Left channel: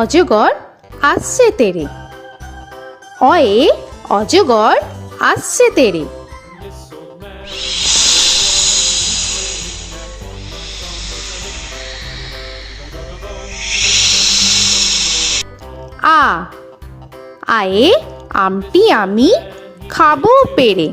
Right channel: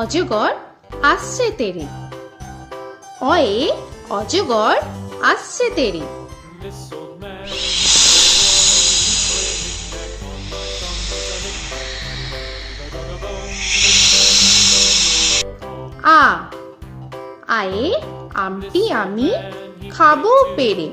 অজগর আসছে তেরে। অয়ে অজগর আসছে তেরে। আ আয়ে আমটি আমি খাবো পেরে।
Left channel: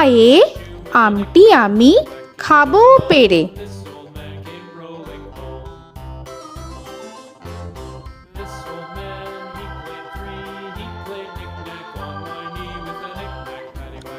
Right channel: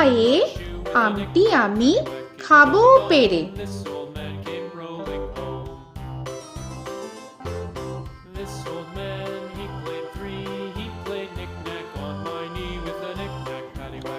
আয়ে আমটি আমি খাবো পেরে।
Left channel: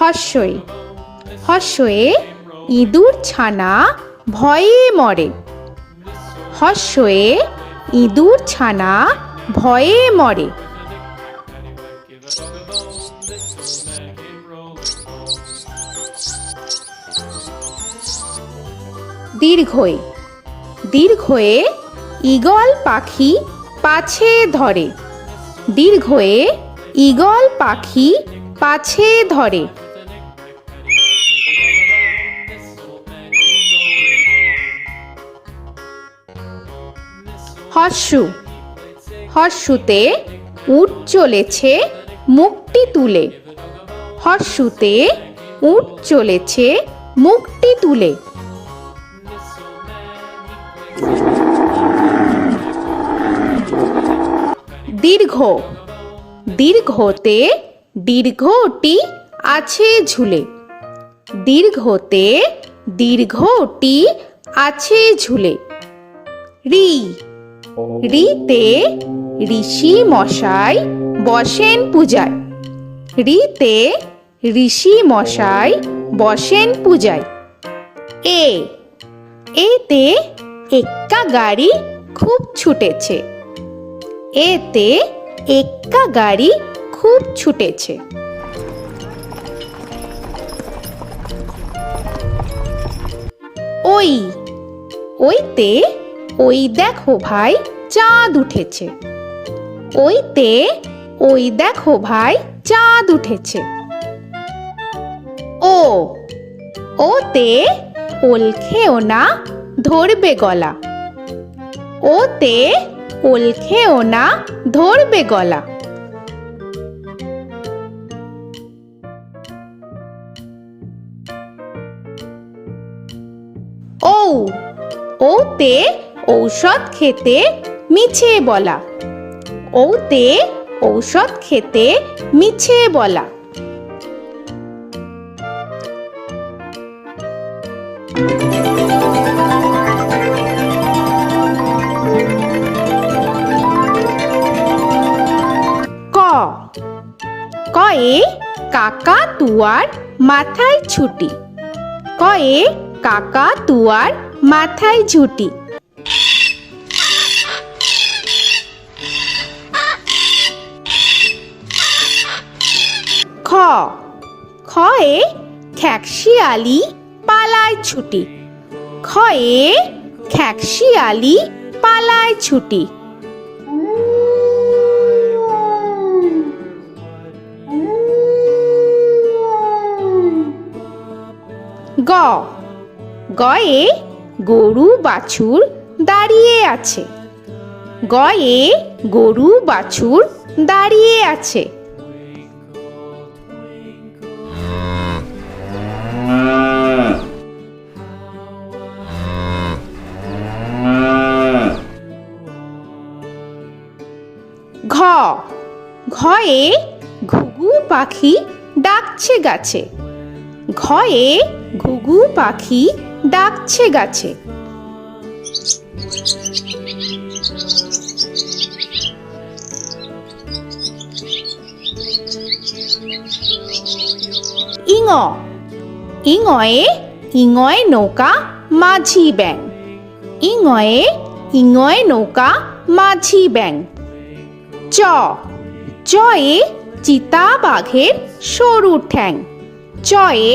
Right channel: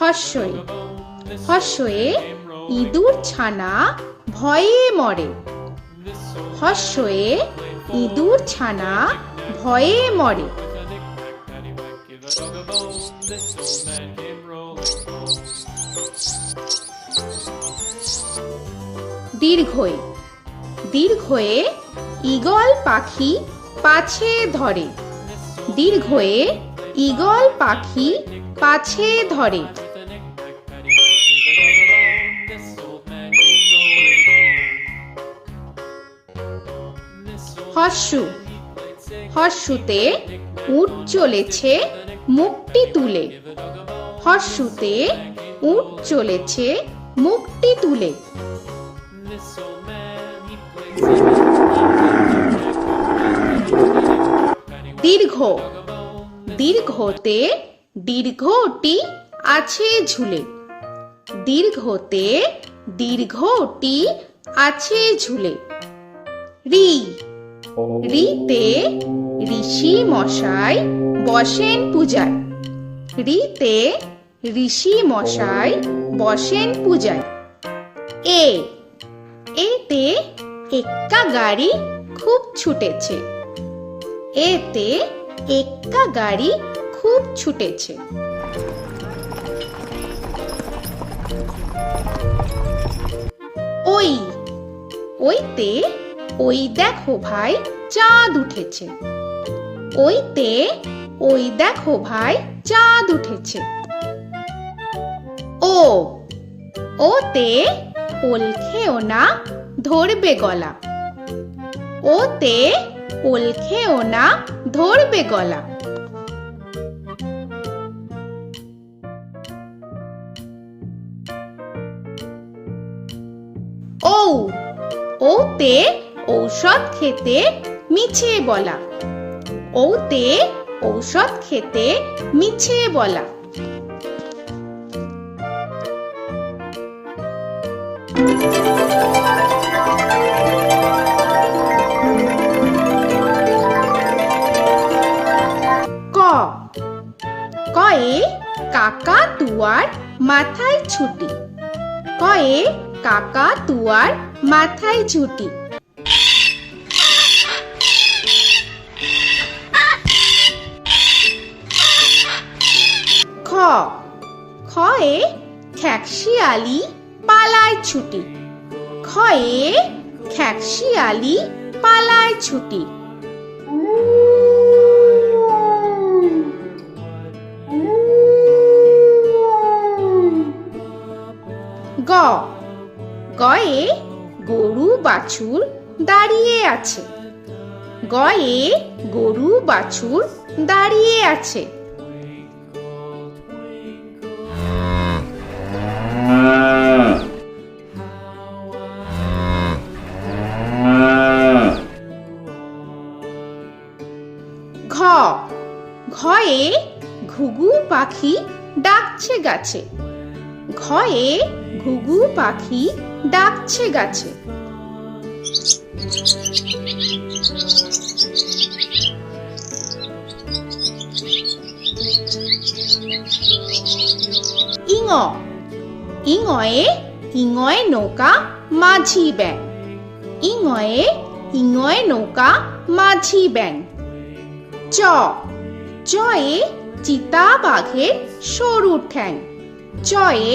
হর্ষই হর্ষয়ে ইঁদুর ছানা ভয়ে মরে। হর্ষয়ে ইঁদুর ছানা ভয়ে মরে। দীর্ঘই দীর্ঘয়ে ঈগল পাখি পাছে ধরে। দীর্ঘয়ে ঈগল পাখি পাছে ধরে। হর্ষু হর্ষুতে উট চলেছে মুখটি তুলে। হর্ষুতে উট চলেছে মুখটি তুলে। দীর্ঘ দীর্ঘতে দীর্ঘটি আছে ঝুলে। দীর্ঘতে দীর্ঘটি আছে ঝুলে। রি রিতে ঋষি মশাই বসেন পূজায়। রিতে ঋষি মশাই বসেন পূজায়। এ এতে এক্কা গাড়ি খুব ছুটেছে। এতে এক্কা গাড়ি খুব ছুটেছে। ওই ওইতে ওই দেখো ভাই চাঁদ উঠেছে। ওইতে ওই দেখো ভাই চাঁদ উঠেছে। ও ওতে ওল খেও না ধরবে গলা। ওতে ওল খেও না ধরবে গলা। ঔ ওতে ঔষধ খেতে মিছে বলা। ওতে ঔষধ খেতে মিছে বলা। ক কয়ে কাকা তুয়ার মাথায় ছুটি। কয়ে কাকা তুয়ার মাথায় ঝুটি। খ খয়ে খ্যাকশিয়ালি পালায় ছুটি। খয়ে খ্যাকশিয়ালি পালায় ছুটি। গ গয়ে গরু বাছুর দাঁড়িয়ে আছে। গয়ে গরু বাছুর দাঁড়িয়ে আছে। ঘ ঘয়ে ঘুঘু পাখি ডাকছে গাছে। ঘয়ে ঘুঘু পাখি ডাকছে গাছে। ইঙ ইঙয়ে ইঙয়ে নৌকা মাঝি ব্যাং। ইঙয়ে ইঙয়ে নৌকা মাঝি ব্যাং। চ চয়ে চিতা বাঘের সরু ঠ্যাং। চয়ে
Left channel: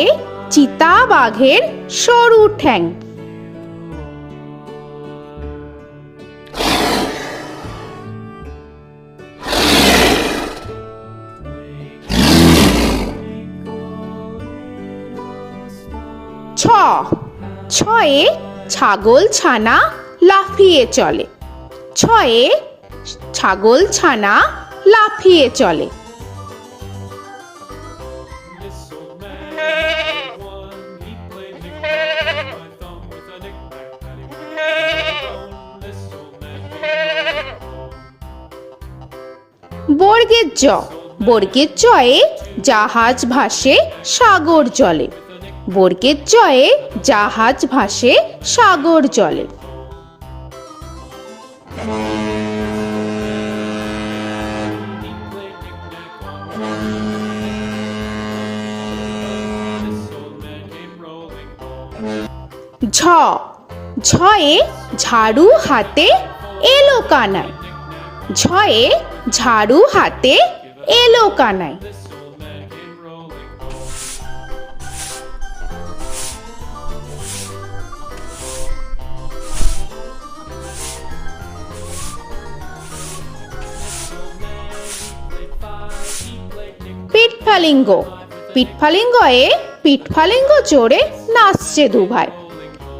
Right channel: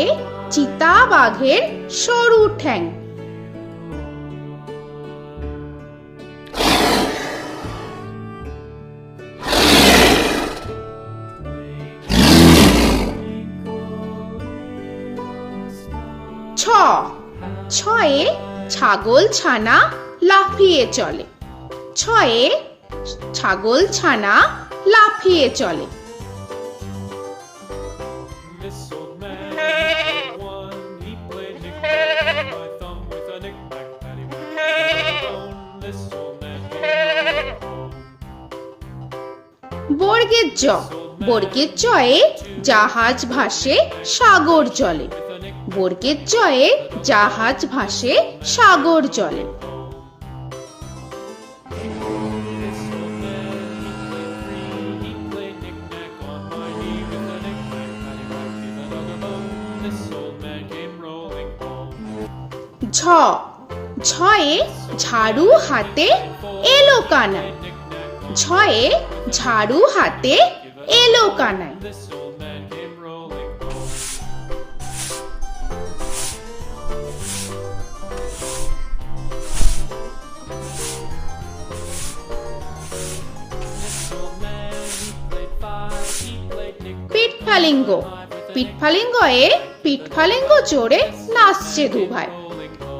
চিতা বাঘের সরু ঠ্যাং। ছ ছয়ে ছাগল ছানা লাফিয়ে চলে। ছয়ে ছাগল ছানা লাফিয়ে চলে। This old man had one. He played knick-knack on my thumb with a knick-knack, paddywhack, bone. This old man came rolling home. বর্গের জ, বর্গের জয়ে জাহাজ ভাসে সাগর জলে। বর্গের জয়ে জাহাজ ভাসে সাগর জলে। He played knick-knack on my knee with a knick-knack, this old man came rolling home. ঝ, ঝয়ে ঝাড়ু হাতে এলো কানাই। ঝয়ে ঝাড়ু হাতে এলো Kanai. This old man came rolling home. This old man, he played five. He played knick-knack. পিঠফালিঙ্গ, পিঠফালিঙ্গয়ে পিঠফালিঙ্গ জোরে নাচছে দুভাই।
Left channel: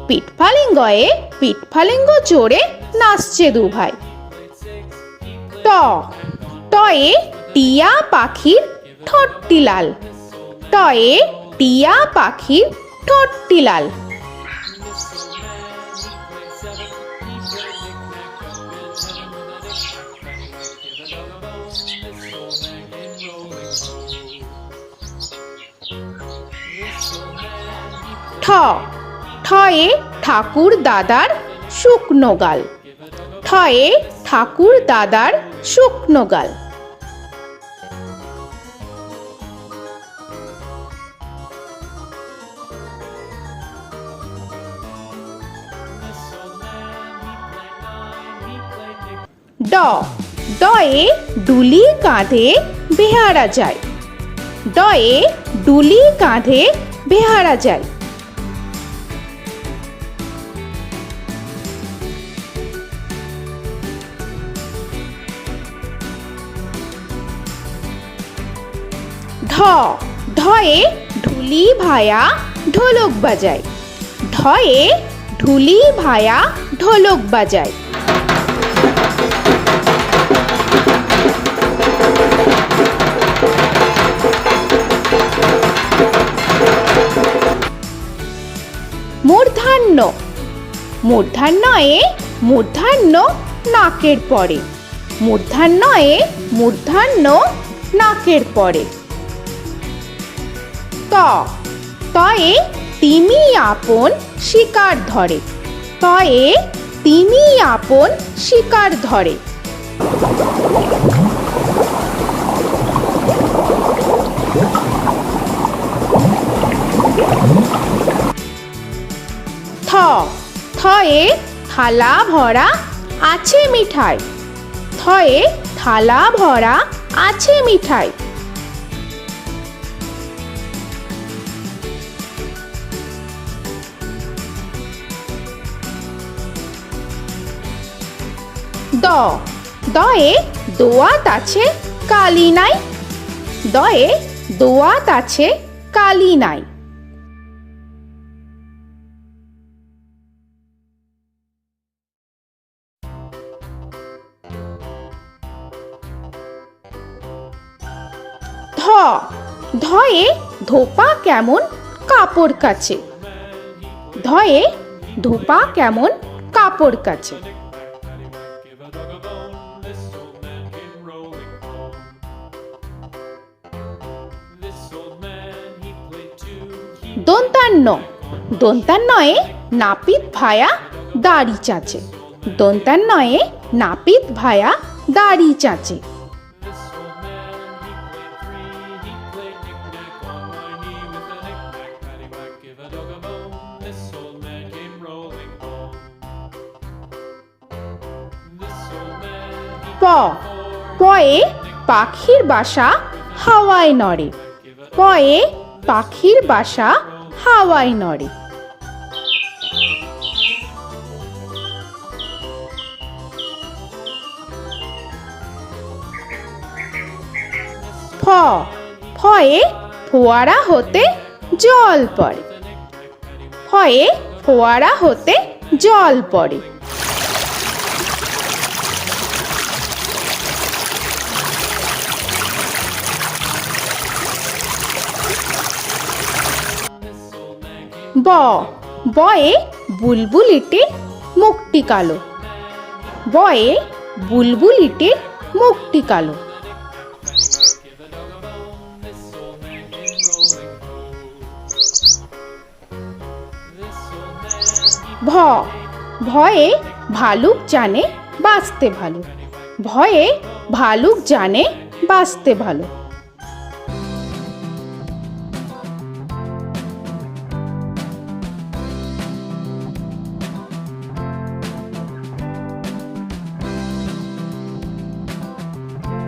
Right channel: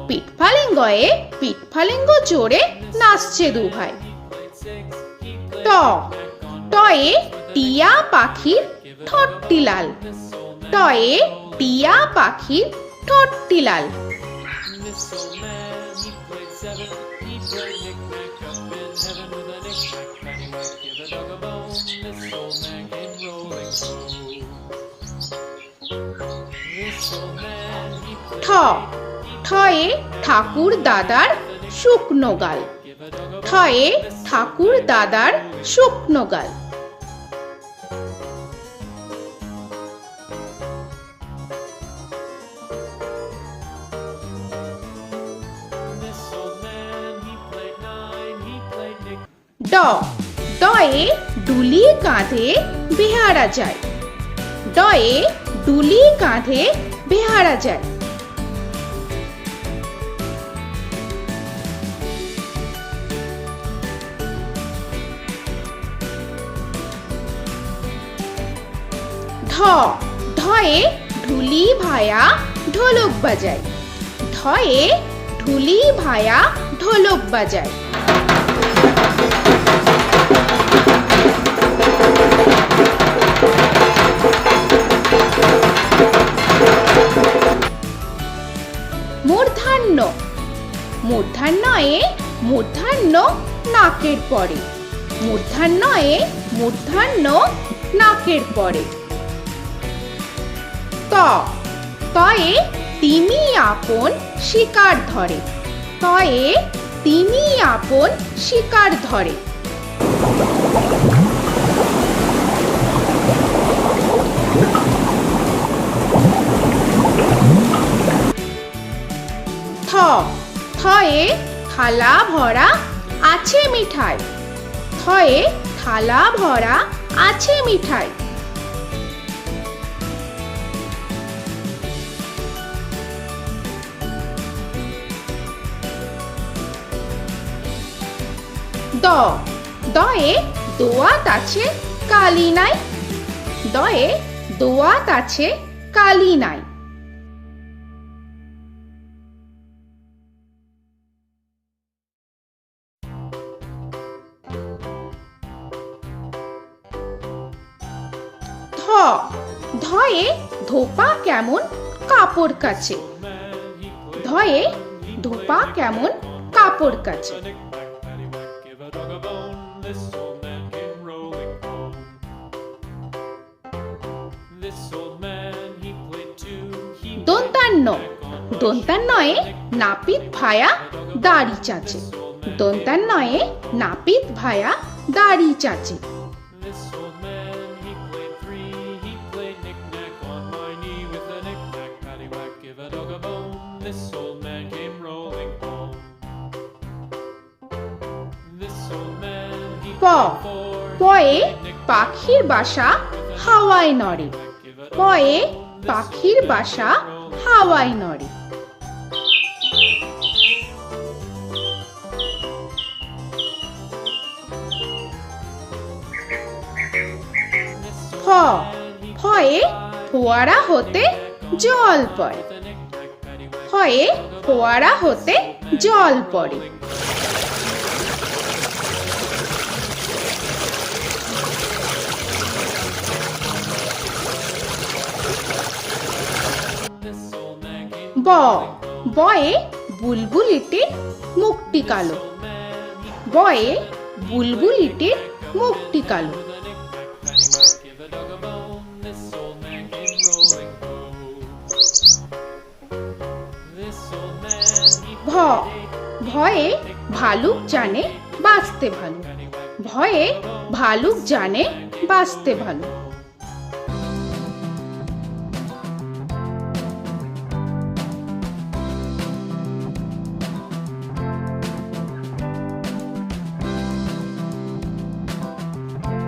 পিঠফালিঙ্গয়ে পিঠফালিঙ্গ জোরে নাচছে দুভাই। ট, টয়ে টিয়া পাখির ঠোঁটটি লাল। টয়ে টিয়া পাখির ঠোঁটটি লাল। This old man, he played seven. He played knick-knack up in heaven with a knick-knack, paddywhack, give a dog a bone. This old man came rolling home. This old man, he ঠ, played ঠয়ে ঠাকুর দাদার শুকনো গাল। give a dog a ঠয়ে ঠাকুর দাদার শুকনো গাল। This old man, he played nine. He played knick. ড, ডয়ে ডুলি কাঁধে বেহারা যায়। ডয়ে ডুলি কাঁধে বেহারা যায়। ঢ, ঢয়ে ঢুলি ভায়া ঢোলক বাজায়। ঢয়ে ঢুলি ভায়া ঢোলক বাজায়। মূর্ধন্য, মূর্ধন্যয়ে মূর্ধন্য নাকের পরে। মূর্ধন্যয়ে মূর্ধন্য নাকের পরে। ত, তয়ে তিনি আপন শিকার ধরে। তয়ে তিনি আপন শিকার ধরে। থ, থয়ে থালা ভরা আছে মিঠাই। থয়ে থালা ভরা আছে মিঠাই। দ, দয়ে দোয়াত আছে কালি নাই। দয়ে দোয়াত আছে কালি নাই। ধ, ধয়ে ধোপা কেমন কাপড় কাচে। ধয়ে ধোপা কেমন কাপড় কাচে। Knick-knack, paddywhack, give a dog a bone. This old man came rolling home. This old man, he played two. He দন্তান্ন, দন্তান্নয়ে নাপিত ভায়া দাড়ি চাচে। দন্তান্নয়ে নাপিত ভায়া দাড়ি চাচে। This old man, he played three. He played knick-knack on my knee with a knick-knack, paddywhack, give a dog a bone. This old man came rolling home. This old man, he প, played four. পয়ে পাখির বাসা হাওয়ায় নড়ে। পয়ে পাখির বাসা হাওয়ায় নড়ে। ফ, ফয়ে ফোয়ারা হতে জল পড়ে। ফয়ে ফোয়ারা হতে জল পড়ে। ব বয়ে বুলবুলিটির মুখটি কালো। বয়ে বুলবুলিটির মুখটি কালো। Give a dog a bone, this old man came rolling home. This old man, he ভ ভয়ে ভালুক জানে বাঁচতে ভালো। ভয়ে ভালুক জানে বাঁচতে ভালো।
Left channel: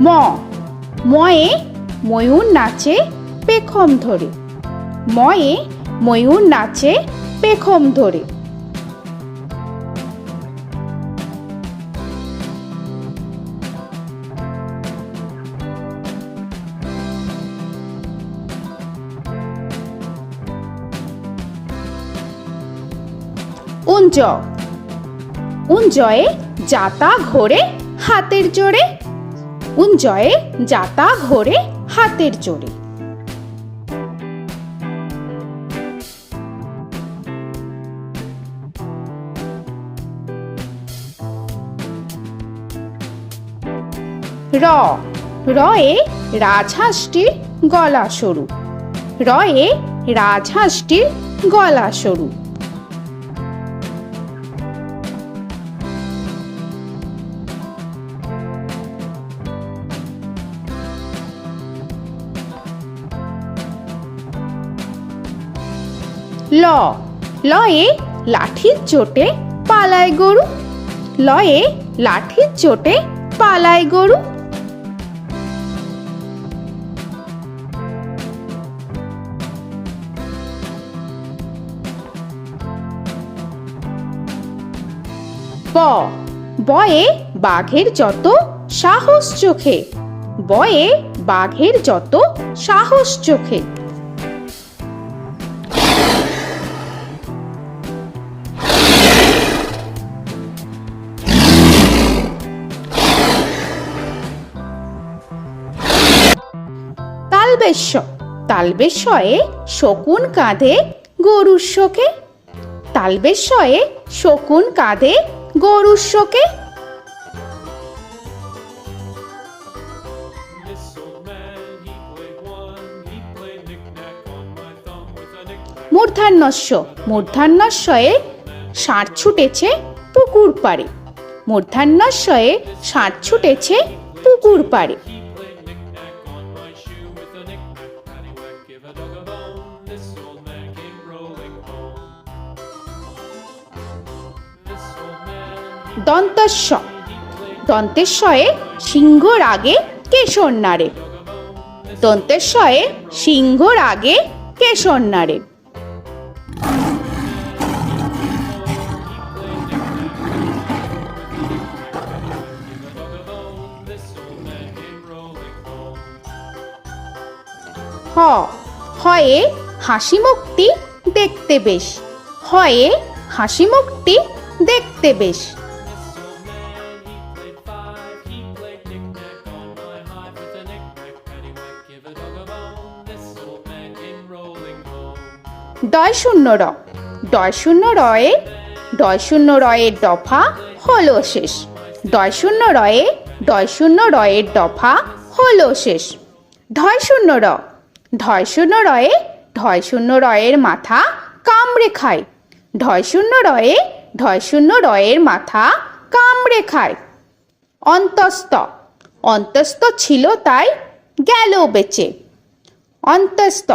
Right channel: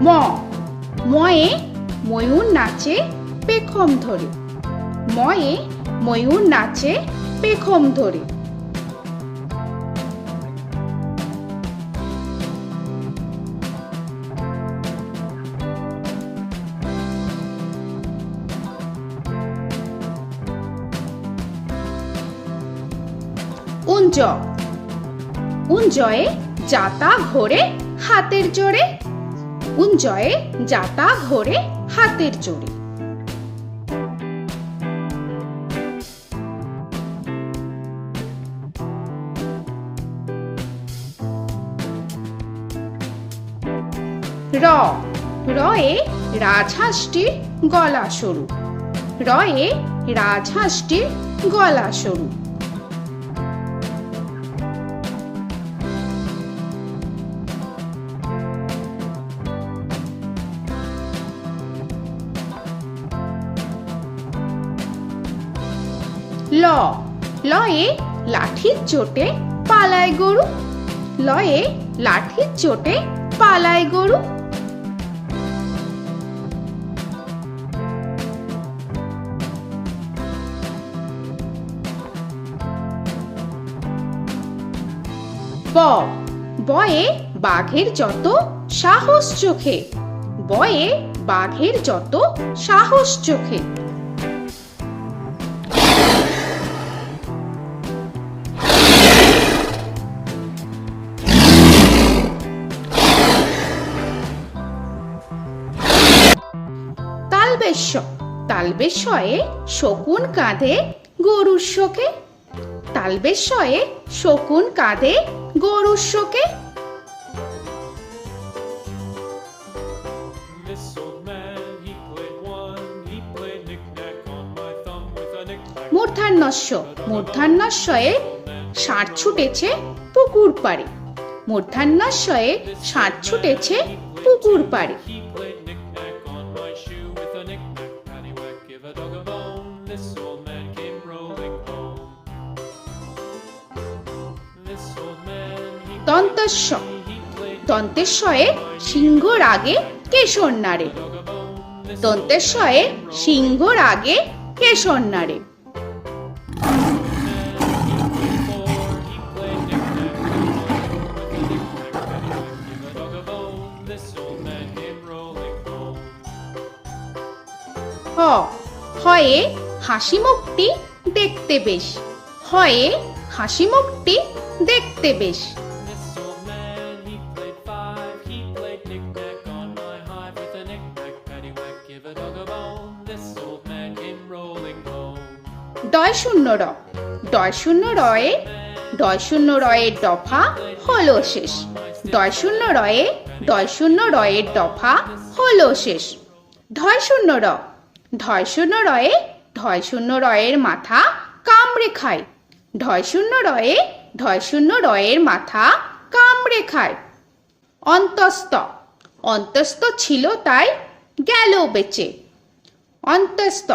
ম ময়ে ময়ূর নাচে পেখম ধরে। ময়ে ময়ূর নাচে পেখম ধরে। উঞ্জ উঞ্জয়ে যাতা ঘোরে হাতের জোরে। উঞ্জয়ে যাতা ঘোরে হাতের জোরে। র রয়ে রাজহাঁসটির গলা সরু। রয়ে রাজহাঁসটির গলা সরু। ল লয়ে লাঠির চোটে পালায় গরু। লয়ে লাঠির চোটে পালায় গরু। ব বয়ে বাঘের যত সাহস চোখে। বয়ে বাঘের যত সাহস চোখে। তালবেশ্য তালবেশ্যয়ে শকুন কাঁধে গরুর শোকে। তালবেশ্যয়ে শকুন কাঁধে গরুর শোকে। This old man, he played one, he played knick-knack on my thumb with a knick-knack. মূর্ধন্যস্য মূর্ধন্যস্বয়ে ষাঁড় ছুটেছে পুকুর পাড়ে। মূর্ধন্যস্বয়ে ষাঁড় ছুটেছে পুকুর পাড়ে। He played knick-knack on my shoe with a knick-knack, paddywhack, give a dog a bone. This old man came rolling home. This old man, he দন্তস্ব played দন্তেশ্বয়ে সিংহর আগে কেশর নাড়ে। dog a bone. This দন্তেশ্বয়ে সিংহর আগে কেশর নাড়ে। he played knick-knack with a knick-knack, paddywhack, give a dog a bone. This old man came rolling home. হ হয়ে হাসি মুখটি দেখতে বেশ। হয়ে হাসি মুখটি দেখতে বেশ। This old man, he played five, he played knick-knack on my hive with a knick-knack, paddywhack, give a dog a bone. This old man came rolling home. ডয় শূন্য র ডয় শূন্য রয়ে ডয় শূন্য রয়ের দফা হলো শেষ। ডয় শূন্য রয়ে ডয় শূন্য রয়ের দফা হলো শেষ। ঢয় শূন্য র ঢয় শূন্য রয়ে ঢয় শূন্য রয়ের মাথা কামড়ে খায়। ঢয় শূন্য রয়ে ঢয় শূন্য রয়ের মাথা কামড়ে খায়। অন্তস্থ অন্তস্থ ছিল তাই গেল বেঁচে। অন্তস্থ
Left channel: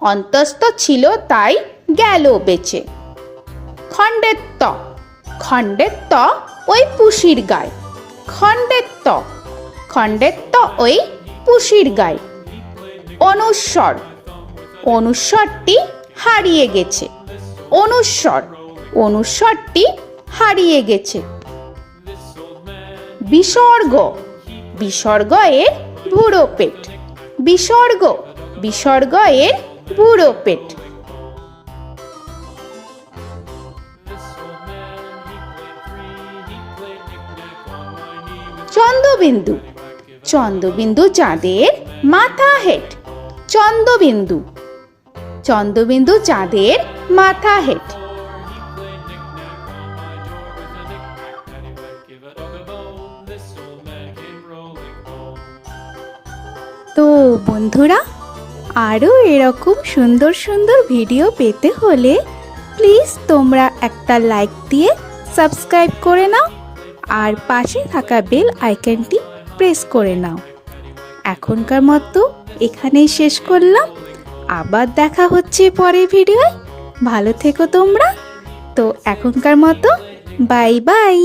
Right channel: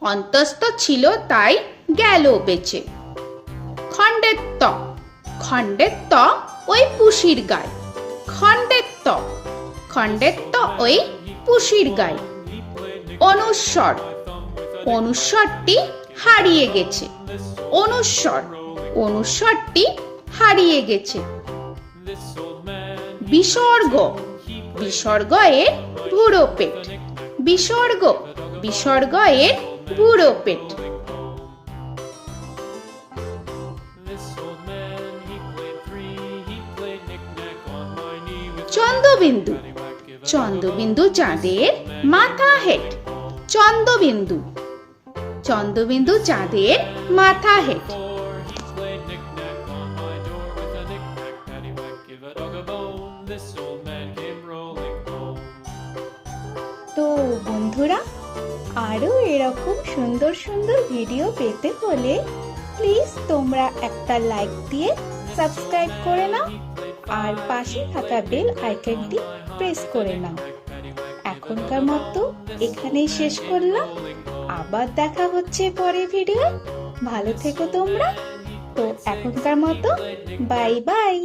অন্তস্থ ছিল তাই গেল বেঁচে। খণ্ডেত্ব খণ্ডেত্ব ওই পুষির গায়। খণ্ডেত্ব খণ্ডেত্ব ওই পুষির গায়। অনুস্বর অনুস্বরটি হারিয়ে গেছে। অনুস্বর অনুস্বরটি হারিয়ে গেছে। This old man, বিসর্গ বিসর্গ এর বুড়ো পেট। বিসর্গ বিসর্গ এর বুড়ো পেট। this old man, he played three, he played knick-knack on my knee with Chandrabindu paddywhack, give a Chandrabindu চাঁদের মাথা হেট। চন্দ্রবিন্দু চন্দ্রবিন্দু চাঁদের মাথা head. Before he played knick-knack on my door with a knick-knack, paddywhack, give a dog a bone. This old man came rolling home. তো বন্ধুরা, আরও এরকম সুন্দর সুন্দর ভিডিও পেতে হলে প্লিজ তোমরা একটা লাইক দিয়ে সাবস্ক্রাইব করে নাও আর পাশে থাকা বেল আইকনটি প্রেস করে নাও। এখনকার মতো এখানেই শেষ করলাম, আবার দেখা হচ্ছে পরের ভিডিও। ভালো থেকো তোমরা। তো এখনকার মতো বাই বাই।